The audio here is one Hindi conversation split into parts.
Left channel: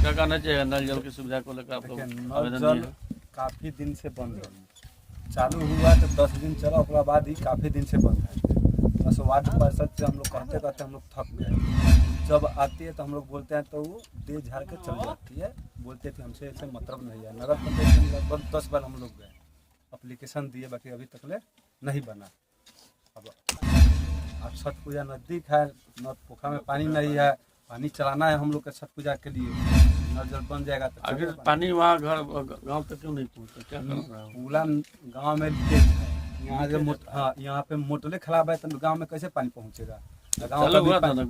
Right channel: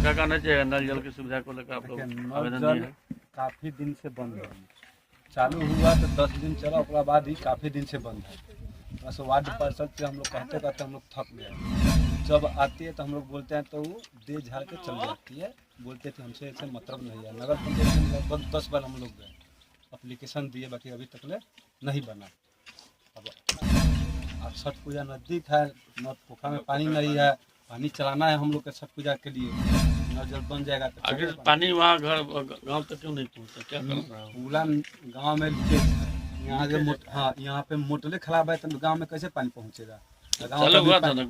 क्या कहना चाहिए नल जल की सुविधा को लेकर? देखिए, नल जल काफ़ी दिन से बंद है। चालू हुआ तो 10 दिन चला, उसके बाद ही काफ़ी दिन से बंद है। बस वार्ड पार्षद से हम लोग कहते कहते हम लोग थक गए। जब आती है तो हम लोग बोलते हैं तो वो दे झाड़ के चल जाती है, बोलते थे हमसे ऐसे मतलब नहीं है। नगर पंचायत में लगभग 10 बार हम लोग गए, एप्लीकेशन दिए, बाकी अभी तक नहीं बना। अब छठ पूजा नज़दीक है, न पोखरा में पानी नहीं है, पानी चलाना है हम लोग के छठ पूजा के लिए। नल जल बन जाएगा तो अभी पानी वहाँ गाँव तक क्यों नहीं पहुँचता? क्या पूरा गांव में लीकेज है। यहाँ से यहाँ पे मोटरें खराब है तो गांव में कैसे पानी पहुँचेगा? गाँव का भी मैंने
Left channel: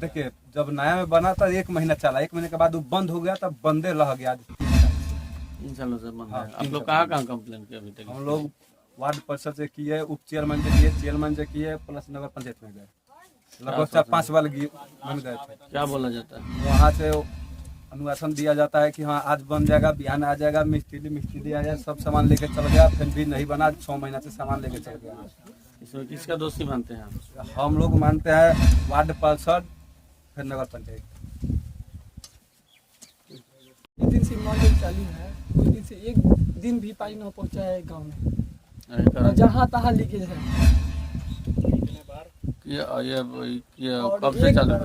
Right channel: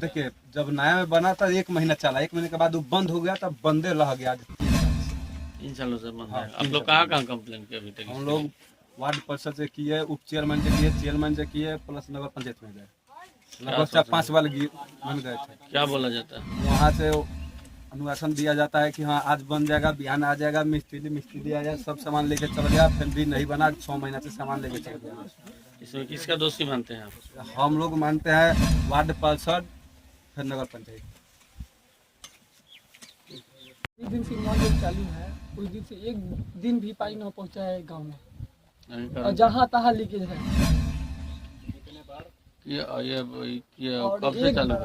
देखिए, जब नया में बना था 1 महीना चला, 1 महीने के बाद वो बंद हो गया, तब बंदे रह गया 3 सालों से बंद है। आप लोग कहाँ कंप्लेन किए अभी तक? हम लोग वार्ड परिषद से किए, उप चेयरमैन से किए, चेयरमैन से किए, प्लस नगर पंचायत में गए, लगभग 4-5 बार बन गए थे। क्या बोला जाता है वहाँ से? अनुशासन दिया जाता है कि हाँ आज बन जाएगा, बिहान आ जाएगा, मिस्त्री आ जाए, सब सामान लेके चल गया, फिर भी नहीं बना। 6 महीना से सामान लेके चल गया। इसमें किसका दोषी मानते हैं आप? हम लोग मानते हैं वार्ड पार्षद, फिर नगर पंचायत। एक दिन से नल जल चालू है, उस दिन से एक दिन भी पानी नहीं पहुंचा है गांव में, और जहाँ तहाँ लीकेज है। कब से चालू है?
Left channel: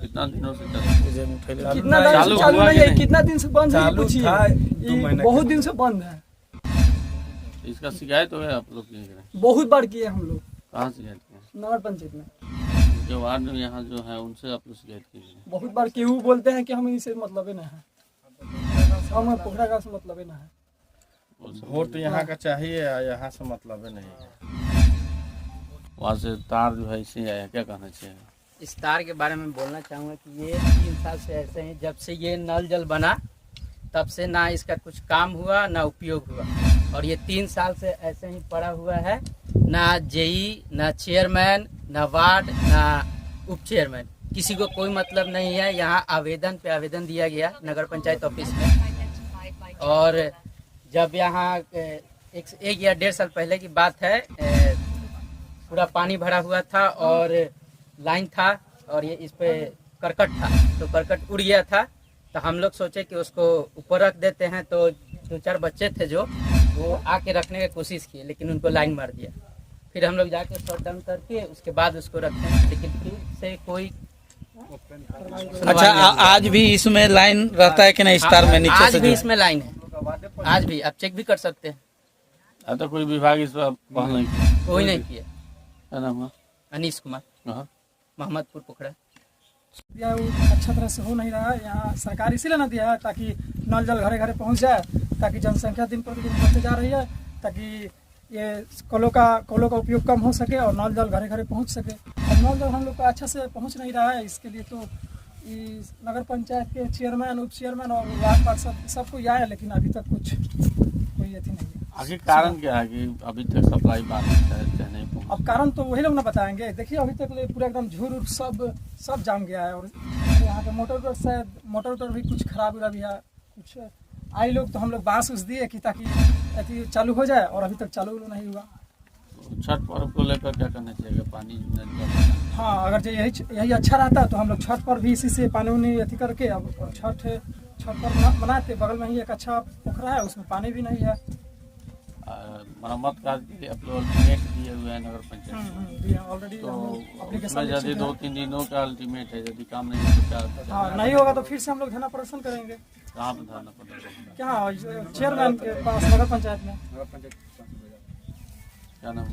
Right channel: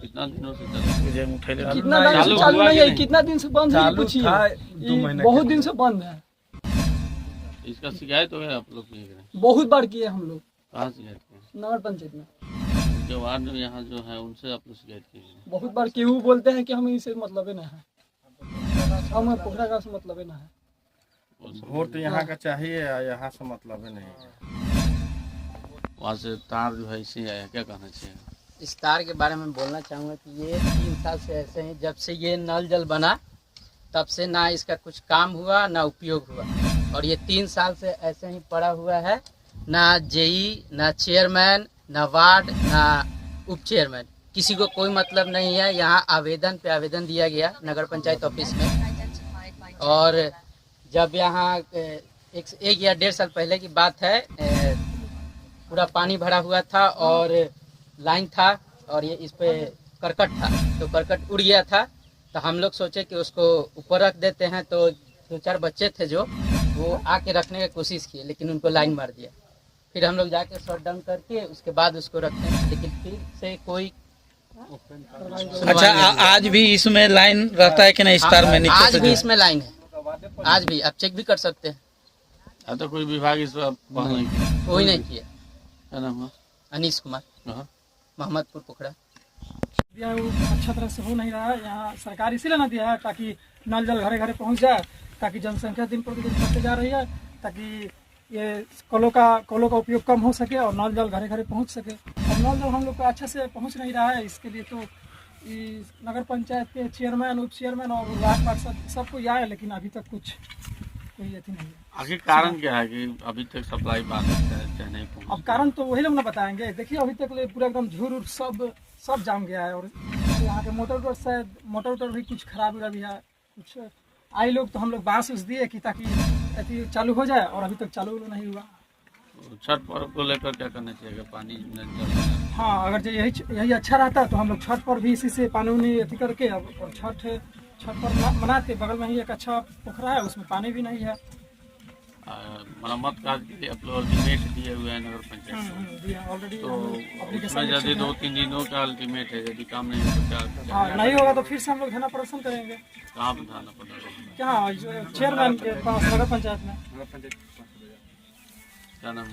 कितना दिनों से कितना दिन से चालू नहीं है, कितना दिन से बंद है पूछिए। बहुत दिन से बंद है। इसका शिकायत हो गया आप लोग? बहुत बार किए हम लोग। कहाँ शिकायत किए? नगर पंचायत में। उनके वार्ड में यहाँ जो है उनसे आप लोग शिकायत की? बहुत बार केहू बोलते हैं कि हम इनसे मतलब ना है, हम पोखरा गाँव से मतलब ना है। वोट यहाँ का चाहिए, यहाँ से मतलब नहीं है। वहाँ से तार जो है इसे आया, क्या कहना चाहिए? इस तार के बारे में बोलना चाहूँगा कि ये 3 साल से ऐसे हैं। जब से ये नल जल बना तब से ना इसका कुछ काम हुआ ना उपयोग हुआ, और ये 3 साल से ऐसे ही पड़ा हुआ है। ना जेई, ना चेयरमैन, ना वार्ड, ना उप चेयरमैन, किसी को कोई मतलब नहीं है। यहाँ आवेदन पे आवेदन दिया गया नगर पंचायत ऑफिस में, और जब यहाँ 1 या 1.5 साल पहले की बात है, पूरा पानी भरा हुआ था और लाइन था, और ये इस पे करकट था, तो करकट उड़ गया था। तो हम लोग सोचे कि उसको ऊपर रख देते हैं, तो 2-4 बच्चे थे जो वो आके रखने की कोशिश किए, लेकिन उनको लाइन मार दिया। फिर हम लोग जाके शॉट डाउन करके उसके बाद उसको रखते हैं, लेकिन फिर से कोई अच्छा, आज भी इसमें लाइन रहता है कि नहीं? स्टार में नीचे आज से भी इसमें लाइन है, आज भी आप चेक भी कर सकते हैं। तो कोई विभाग इस पर कोई नहीं किया। क्या नाम है? अनीश कुमार, मोहम्मदपुर पोखरा। यह अच्छा तरह से हो नहीं रहा है। यहाँ सरकार इसीलिए ना दिया है ताकि नल जल घरे घरे पहुँच जाए, ताकि जनसंख्या दिन प्रतिदिन बढ़ती जा रही है, ताकि ये कलों का उपयोग कम हो सके और नल जल घरे घरे पहुँच सके। और नल जल हम लोग को अच्छा से पहुँच नहीं रहा है। इसके लिए तो नगर पंचायत के चेयरमैन, उप चेयरमैन और वार्ड पार्षद सबको यह है, लेकिन अभी तक कुछ कोई अथी नहीं है। आखिर कारण क्या है कि अभी तक सप्लाई बाधित है, नहीं पहुंचा? अब कारण तो वही लोग ना बताएंगे। देखिए, अभी तक पूरा एकदम झूर सब जाम गया है, और यहाँ के मोटर भी कुछ खराब भी है। कुछ आई लोग तो हम लोग बांस दिए कि ताकि अथी चालू हो जाए, और अभी तक चालू नहीं हुआ। छठ पर्व को लेकर क्या करना चाहिए? पानी हाँ, अगर यही अच्छा रहता है तो हम लोग छठ पर भी इसी से पानी उनी अथी करके, अब छठ पर मनाते। बगल में ही एक अच्छा पोखरा है, उसमें पानी भी नहीं है। मरम्मत कार्य के लिए आप लोग अल्टीमेट दिए हुए हैं नगर पंचायत, ऑलरेडी। तो उसमें यदि 2-3 दिनों का अल्टीमेट है, यदि काम नहीं हो तो क्या? हाँ, नहीं होगा तो फिर से हम लोग धरना प्रदर्शन करेंगे। कहाँ पर धरना पड़ेगा? क्या चेयरमैन के पास, नगर पंचायत में। क्या नाम है?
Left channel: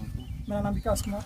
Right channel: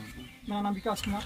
मेरा नाम विकास कुमार।